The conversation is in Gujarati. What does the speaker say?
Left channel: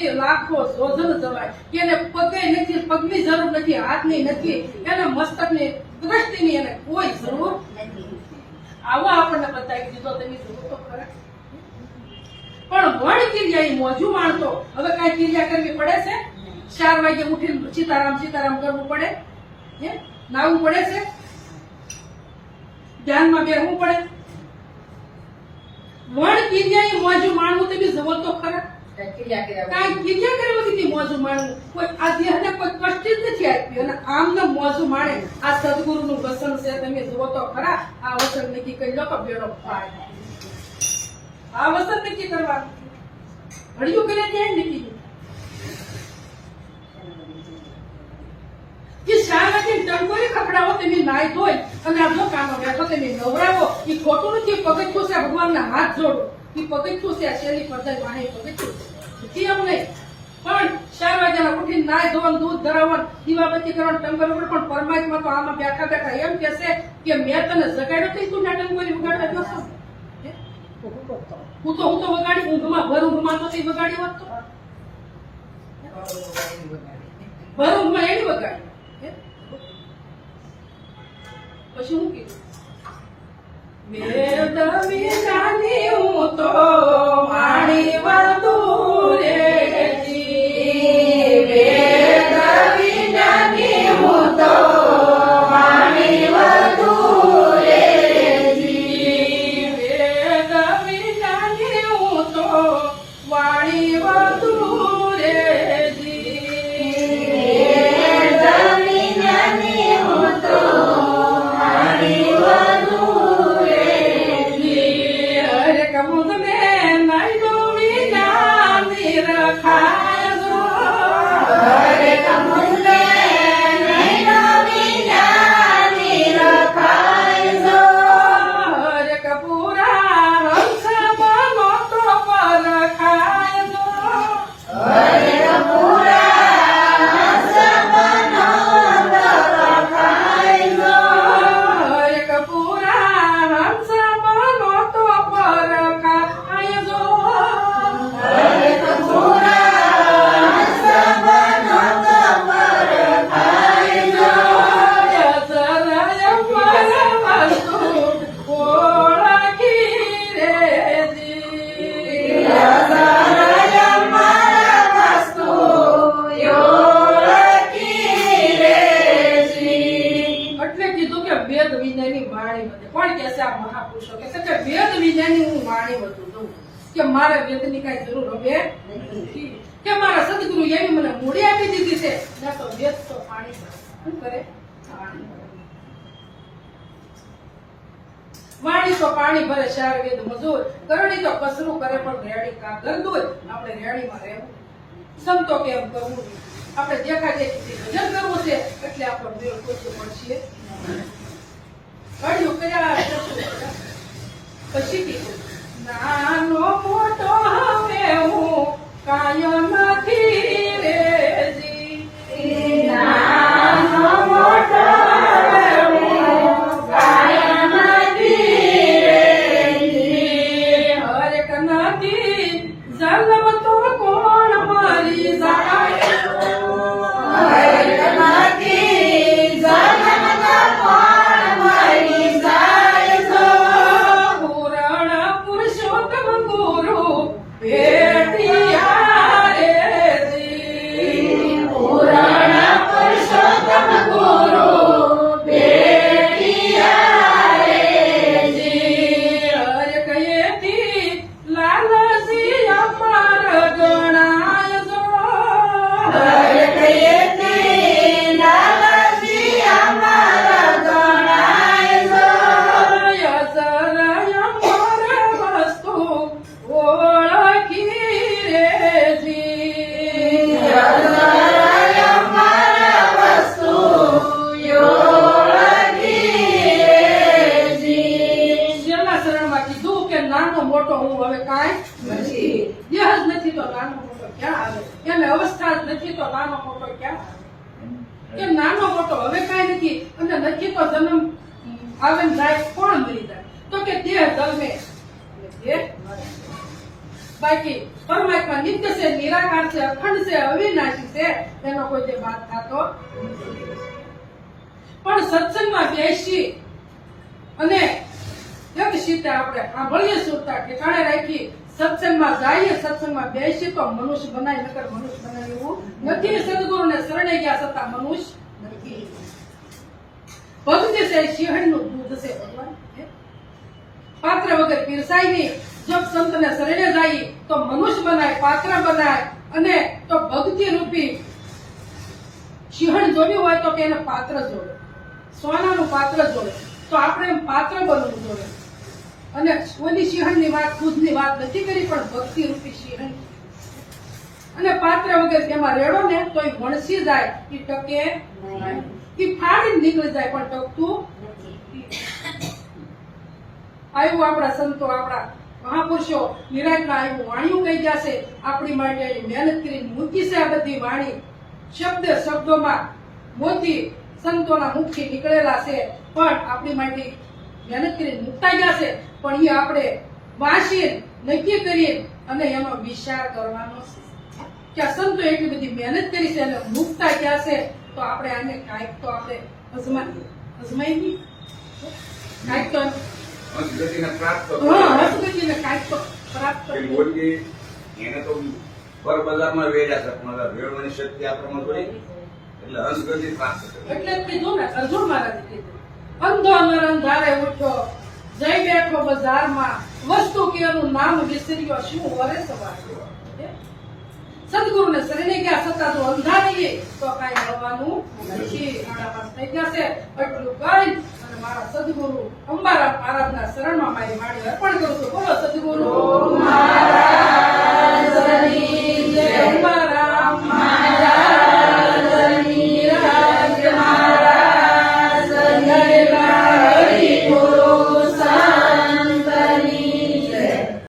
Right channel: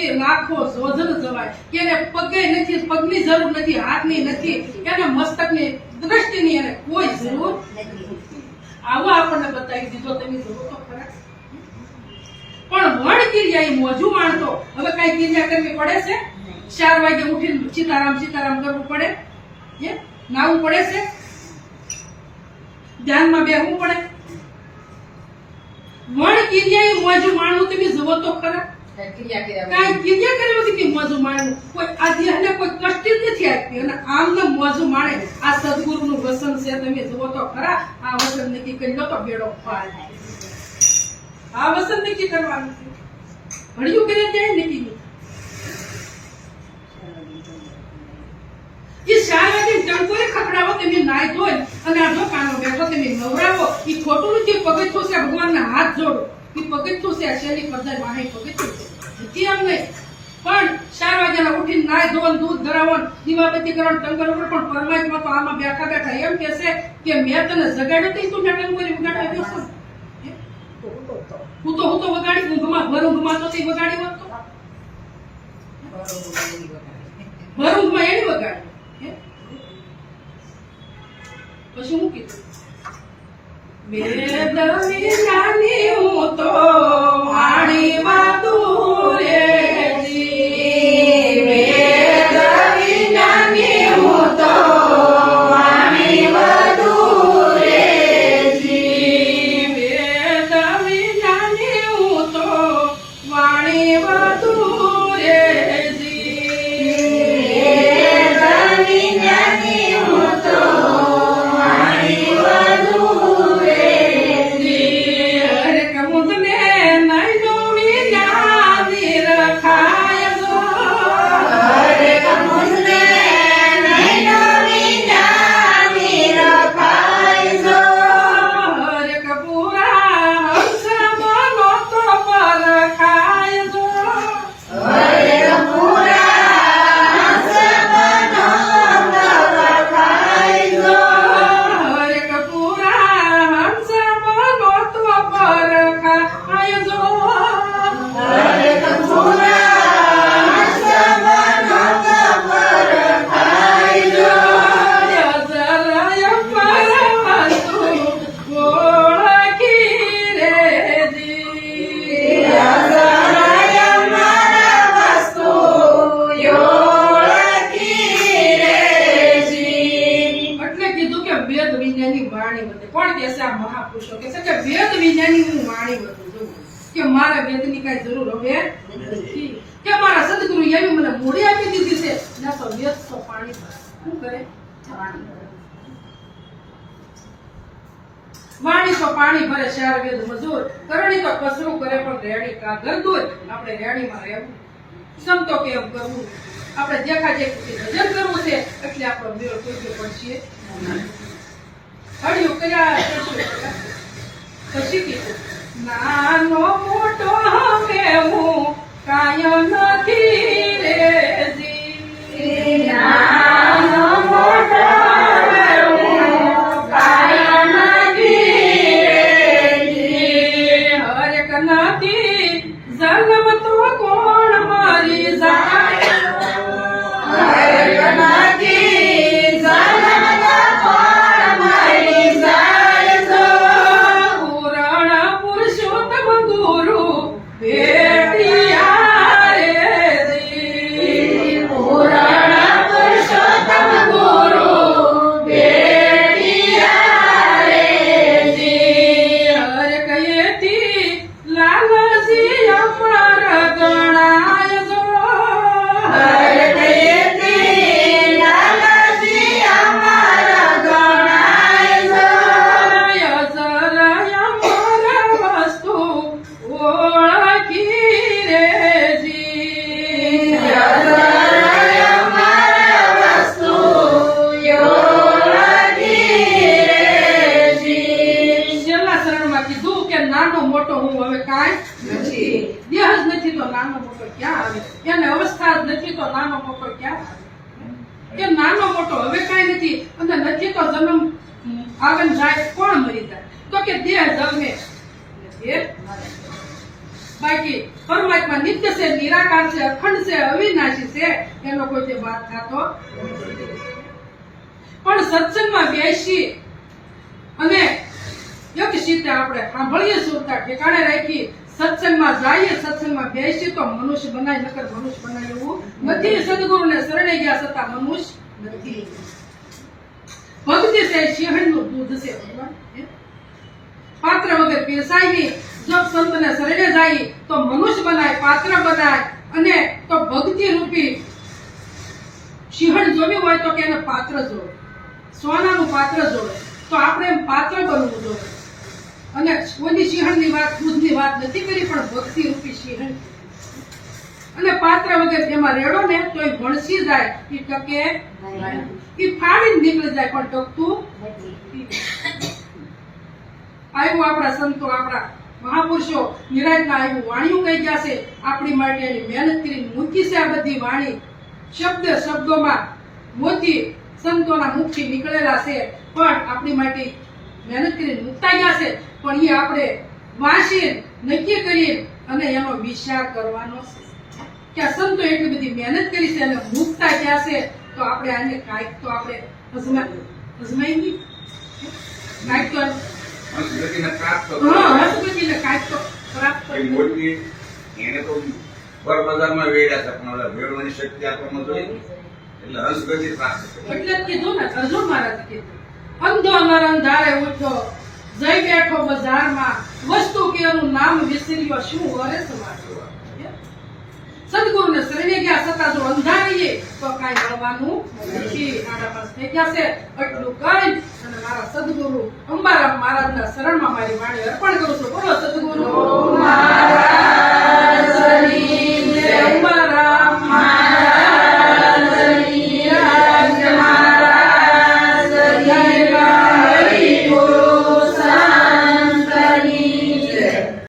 થી લાખો સોજન જવાય એને પગે નથી, પગની જરૂર નથી, હાથની નથી. એને મસ્તકની દ્રષ્ટિની એને કોઈ જરૂર આવો આપણને બતાવી દીધો તમે જુઓ તો ખરા. પણ વણ કિર્યા એ મોજું માણતો. હવે કઈ કિર્યા કરવી પડે છે? ચાર વાગે ઉઠીને સીતારામ સીતારામ કરવું પડે? હે? નાવું પડે છે? ધ્યાનમાં બેહવું પડે? વણ કિર્યા એ મોજું માણવું, તમે જુઓ તો ખરા. ક્રિયા કર્યા કાંઈ ક્રિયા કરી નથી કે મોજું કોઈ આ દેહને કોઈ કષ્ટ નથી આપી અને આમને મોજું માણે. આ સદગુરુનું વસન છે, તમે જુઓ તો ખરા, આ વસન નક્કી કરી લો તો બેડો પાર આ વસન નક્કી કરવાનું ભણ્યું કરે ત્યાં નક્કી નહીં કે વાગે ટંકોરે ખખડાવો, તમે નાઈ ધોઈ અને આ કાનો બેઠો, તમે નવરાવો, ઈ ખોટું નથી. પગથિયું છે, ભગવાનના હાથ જોડો. એ પગથિયું છે શેરી પદ્ધર વાહે પગથિયું છે. એમ નહીં પણ ચાર વાગ્યાના ઉઠીને નાય ધોવાનું, દૂધ ધરાવન દીવાબત્તી કરવાનું, ટંગર ઉપર પણ પરમાત્મા તો આમાં બેઠા બેઠા એમ કહેશે કે મેં તને જગાડ્યો તો તું મેં ટંગોરી વગાડવા ગયો છો. હું? તો હું તો વગાડી, ઊંઘમાં, ભર ઊંઘમાં તો તે વગાડી હોત ભર ઊંઘમાં એની વગાડી. પછી હું કીધું? વેદ વિજ્ઞાની હું તો વાણી વધુ રે. વિજ્ઞાની હું વાણી બધું કે મારે વેદની કાંઈ જરૂર હવે કે મારા સદગુરુ એવી મને મૂડી આપી દીધી છે. ના તો વેદ તો પાણી શું કરે? પાણી વાણી તો પાણી ભરે ચાર વેદ મજૂર. કરણી તો કસરું કરે પણ રેડી કાગર દૂર આપણે રેડીમાં રહેવું. સમતો કે એમ કરવું. આપણે દેખા દેખી ભજન કરવું છે. એટલે આપણો મેળ કોઈ પડશે કર્યા. પછી કીધું નાનો મોટો નથી તો નાનો મોટો ક્યાં આવે? એને અવસ્થા જ નથી તો નાનો મોટો ક્યાં આવે? કે નાનો મોટો? હવે કાંઈ નથી. અને નથી તો જન્મ આવે જાય, કોણ મરી જાય? તો કે દેહ જન્મે. બાકી પરમાત્મા નિત્ય છે, નિરાકાર છે, અખંડ છે, અવિનાશી છે. એનો કોઈ તે વાત થતો. પણ સત્સંગમાં બેસી અને એક સીતે આપણે સાંભળીએ સુરતા, ઠેકાણે રાખી સત્સંગમાં જઈએ, સત્સંગમાં બેસીએ તો મનુષ્ય બનાય, નકર મનુષ્ય બનાય એવું નથી. સદગુરુને શરણે ગયા છતાં મનુષ્ય નથી. ભક્તિ છે, સિંહણનું દૂધ છે ભગવાન પાત્ર વગર પીરસાય નહીં. જો સંતને શરણે જાય તો મનુષ્ય બનાય, પાત્ર બનાય અને તો ભક્તિ રૂપી સિંહણ જોવી હોય તો કે એને પાત્ર જોવે સોનાનું પાત્ર જોવે તો આપણે એમ પાત્ર બનવું જોવે અને કોઈની સિંહણની વાત દૂધની વાત નથી કરી પણ ભક્તિ રૂપી સિંહણ. અને પાત્ર વગર તેમાં રેડો ને તો એ વણસી જાય એ ટકે એ ફાડી નીકળી જાય પણ ટકતું આવ્યું આપણા સંતો આપણા મહાપુરુષો નિરાજના આવ્યું વાણીઓ કહી ગયા છે આપણી માટે એની મહેનત કરીને મૂકી છે આ બધી વાણી. શબ્દ શબ્દોમાં મોતી સંતોના મુખથી નીકળેલા છે પણ આપણી માટે મહેનત કરીને મૂકતા ગયા છે પણ એ આપણે વાંચીએ નક્કી કરીએ અને એનો વિચાર કરવાનો છે. કે સંતો એટલી બધી મહેનત કરી છે અને મુકતા ગયા છે તો આપણે આને કાંઈક તો આપણે અજમાઈ અજમાઈ નહીં કાંઈક તો હા કાંઈક તો પ્રાપ્ત કરી એને તો બર બજારમાં વેડ્યા છે પણ વેડવાની શક્તિ આપણને જોઈએ. એટલે હંસગતિ પ્રાપ્ત. એટલે કીધું ને અર્જુન મહારાજ કીધું. અંધો નર અંધારે ઉઠ્યો જઈ બેઠો બજારમાં. વસ્તુ કે નામ વિસર્યો, શું વરે સવાર? સદગુરુને શરીરે ગયા છતાં જો અંધા રહીએ તો કાંઈ મળવાનું નથી. આડા પાસ થઈ છે. એટલું કરી અને મારા સદગુરુ અંબારામ મહારાજના શરણમાં મારી વાણી અર્પણ કરું છું. બોલો, સદગુરુ. મહારાજ